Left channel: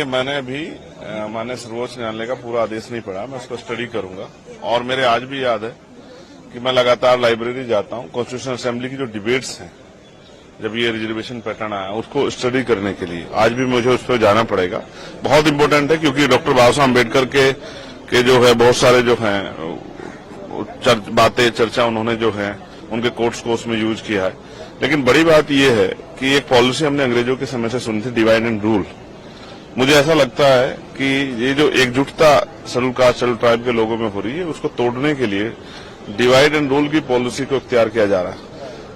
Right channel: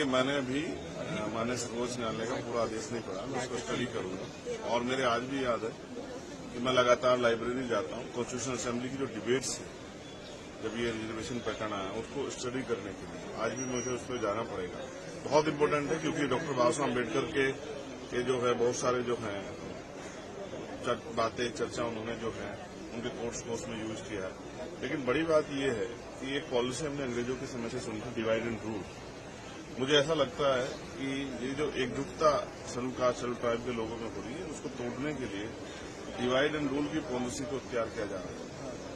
देखिए, मैंने अभी माननीय सर्वोच्च न्यायालय का पूरा आदेश नहीं पढ़ा, मैं उसको स्टडी करूंगा। और मेरे आज भी याद है कि मैं लगातार लाइब्रेरी जाता हूं, कॉन्स्टिट्यूशन असेंबली की जो डिबेट्स हैं, जब ये रिजर्वेशन पैटर्न आया उसको स्टडी करने के लिए आज भी मुझे उस पर जाना पड़ेगा। बहुत इंपॉर्टेंट है, क्योंकि डॉक्टर बाबा साहब अम्बेडकर के जो है बहुत सारे जो हैं बातें चर्चा उन्होंने जो है उनके कोर्ट्स को उसमें यूज किया है। लेकिन बड़ी बात यह है कि एक पॉलिसी हमने अंग्रेजों के समय से सुनी थी, डिवाइड एंड रूल। मुझे ऐसा लगता है कि ये जो एकजुटता शेड्यूल कास्ट शेड्यूल ट्राइब के लोगों में हो रही है, उसको तोड़ने के लिए डिवाइड एंड रूल की पॉलिसी को इख्तियार किया जा रहा है।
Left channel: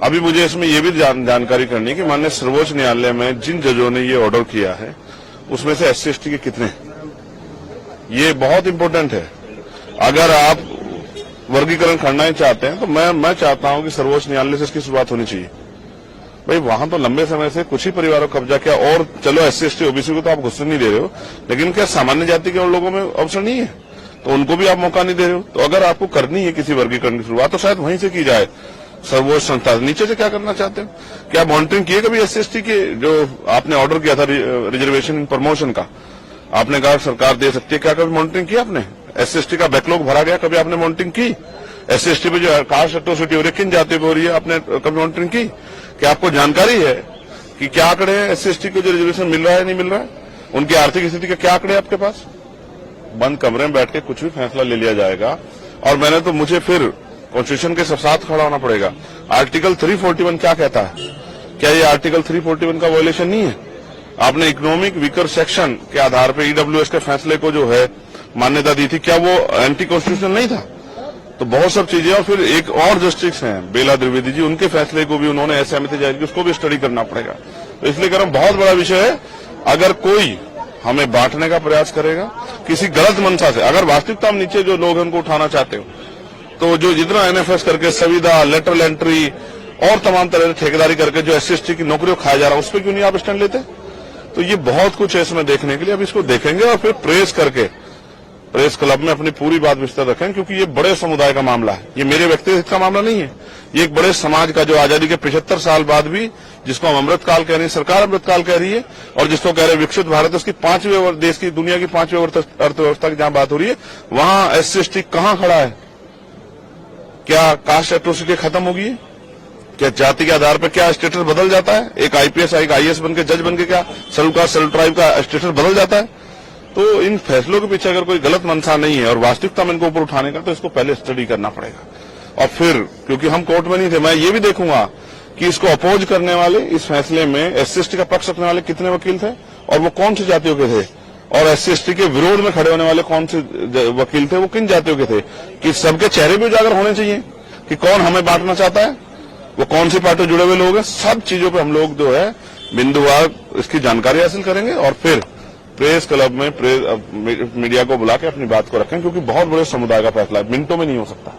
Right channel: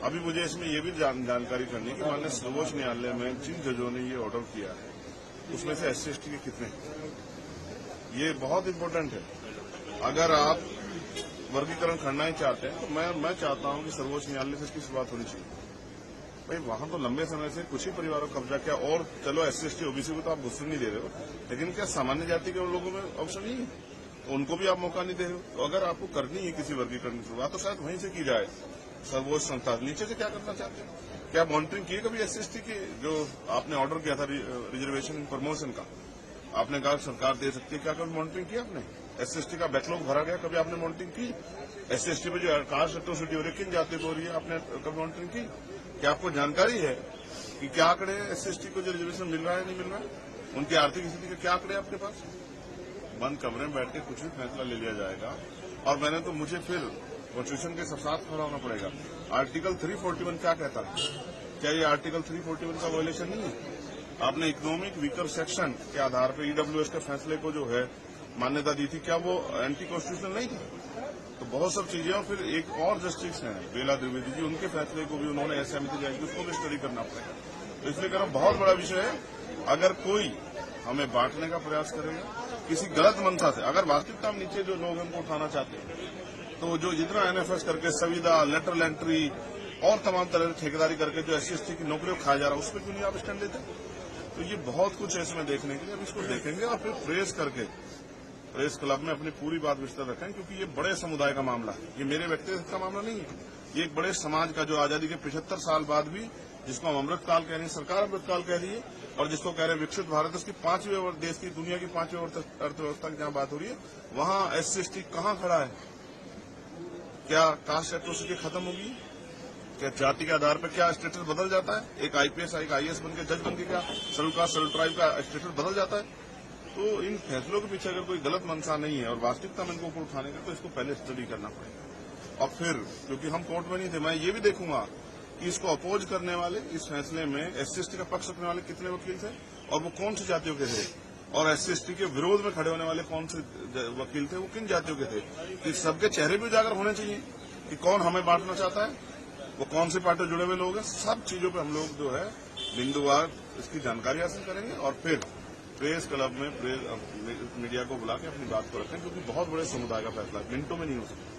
अभी मुझे इसमें यह भी जानकारी करनी है कि माननीय सर्वोच्च न्यायालय में जिन जजों ने ये ऑर्डर किया है उसमें से SC/ST के कितने, ये बहुत इंपॉर्टेंट है। अगर आप वर्गीकरण करना ही चाहते हैं तो मैं चाहता हूं कि सर्वोच्च न्यायालय से इसकी शुरुआत होनी चाहिए। भाई, वहां तो लंबे समय से कुछ ही परिवारों को कब्जा किया, और चलो SC/ST OBC को तो आप घुसने नहीं दे रहे हो, लेकिन क्या सामान्य जाति के लोगों में अवसर नहीं है? तो उनको भी आप मौका नहीं दे रहे हो। तो अगर आपको करनी है किसी वर्गीकरण की शुरुआत तो शायद वहीं से की जाए, सर्वोच्च संस्था। नीचे से क्या करना चाहते हो? क्या मॉनिटरिंग किए कभी SC/ST के जो आपने ऑर्डर किया था रिजर्वेशन इन प्रमोशन का? आपने कहा सरकार दे सकती है, क्या कभी मॉनिटरिंग किया आपने? SC/ST का बैकलॉग भरा गया, कभी आपने मॉनिटरिंग की? SC/ST पे जो कास्ट एट्रोसिटी हो रही है, किन जातियों पे हो रही है, आपने कभी मॉनिटरिंग की? क्या आपको जानकारी है कि क्या आंकड़े हैं SC/ST को जो रिजर्वेशन मिल रहा है नहीं मिल रहा है? उनकी आर्थिक स्थिति के क्या आंकड़े आपके पास? बंद कमरे में बैठ के कुछ भी फैसला ले लिया जाएगा। और मुझे फिर कॉन्स्टिट्यूशन के साथ खड़ा होना पड़ेगा। आर्टिकल 341 क्या कहता है? क्या ये आर्टिकल 341 का वायलेशन नहीं है? आपने इकोनॉमिक वीकर सेक्शन के आधार पर EWS के फैसले को जो है मान्यता दी थी, क्या वो एंटी कॉन्स्टिट्यूशनल नहीं था? तो बहुत सब चीजें। और फिर एक और जस्टिस हैं बेला द्विवेदी जी, उनके फैसले को भी उन्होंने असहमति जाहिर की, उसको भी स्टडी करना पड़ेगा। तो इसलिए कह रहा हूं, बहुत बड़ा विषय है। अगर कोई हमें बांटने का प्रयास करेगा किसी गलत मंशा से, अगर वास्तविकता में नीचे जो लोग हैं उनको उठाना चाहते हो, तो जो जितना NFS करके संविदा, लेटरल एंट्री और तमाम तरह से ठेकेदारी करके जो SC/ST की नौकरियों खाया जा रहा है, उस पर क्यों नहीं आप स्टैंड लेते? तो ये बहुत कुछ है इसमें देखने के लिए। अब इसको देखेंगे और फिर प्रेस करके प्रेस क्लब में अपनी पूरी बात विस्तार रखें, क्योंकि ये बड़े समुदाय का मामला है, ये मेरे व्यक्तिगत का मामला नहीं है। ये एक बड़े समाज का, जो आजादी के 75 साल बाद भी, जिसको हम अमृतकाल कह रहे हैं, सरकार अमृतकाल कह रही है, और जिसको कह रहे हैं विकसित भारत, उसकी 5वें देश की, दुनिया की 5वें अर्थव्यवस्था की जहां बात हो रही है, वहां SC/ST कहां खड़ा है? क्या कास्ट एट्रोसिटी खत्म होगी? क्या जाति के आधार पर क्या स्टेटस बदल जाता है? एक IPS एक IAS बन के, जज बन के क्या शेड्यूल कास्ट शेड्यूल ट्राइब का स्टेटस बदल जाता है? तो इन फैसलों के पीछे अगर कोई गलत मंशा नहीं है और वास्तविकता में इनको ऊपर उठाने का, तो इसको पहले स्टडी करना पड़ेगा। और फिर, क्योंकि हम कोर्ट में नहीं थे, मैं ये भी देखूंगा कि इसको अपोज करने वाले, इस फैसले में SC/ST का पक्ष रखने वाले कितने वकील थे और वो कौन सी जातियों के थे, और SC/ST के विरोध में खड़े होने वाले कौन से वकील थे, वो किन जातियों के थे, कि सबके चेहरे भी उजागर होने चाहिए कि कौन हमें बांटना चाहता है, वो कौन सी पार्टी जुड़े हुए लोग हैं। सब चीजों पर हम लोग जो है बिंदुवार इसकी जानकारी हासिल करेंगे और फिर प्रेस क्लब में मीडिया को बुला के अपनी बात को रखें, क्योंकि बहुत बड़े समुदाय का फैसला है, मिनटों में नहीं हो सकता।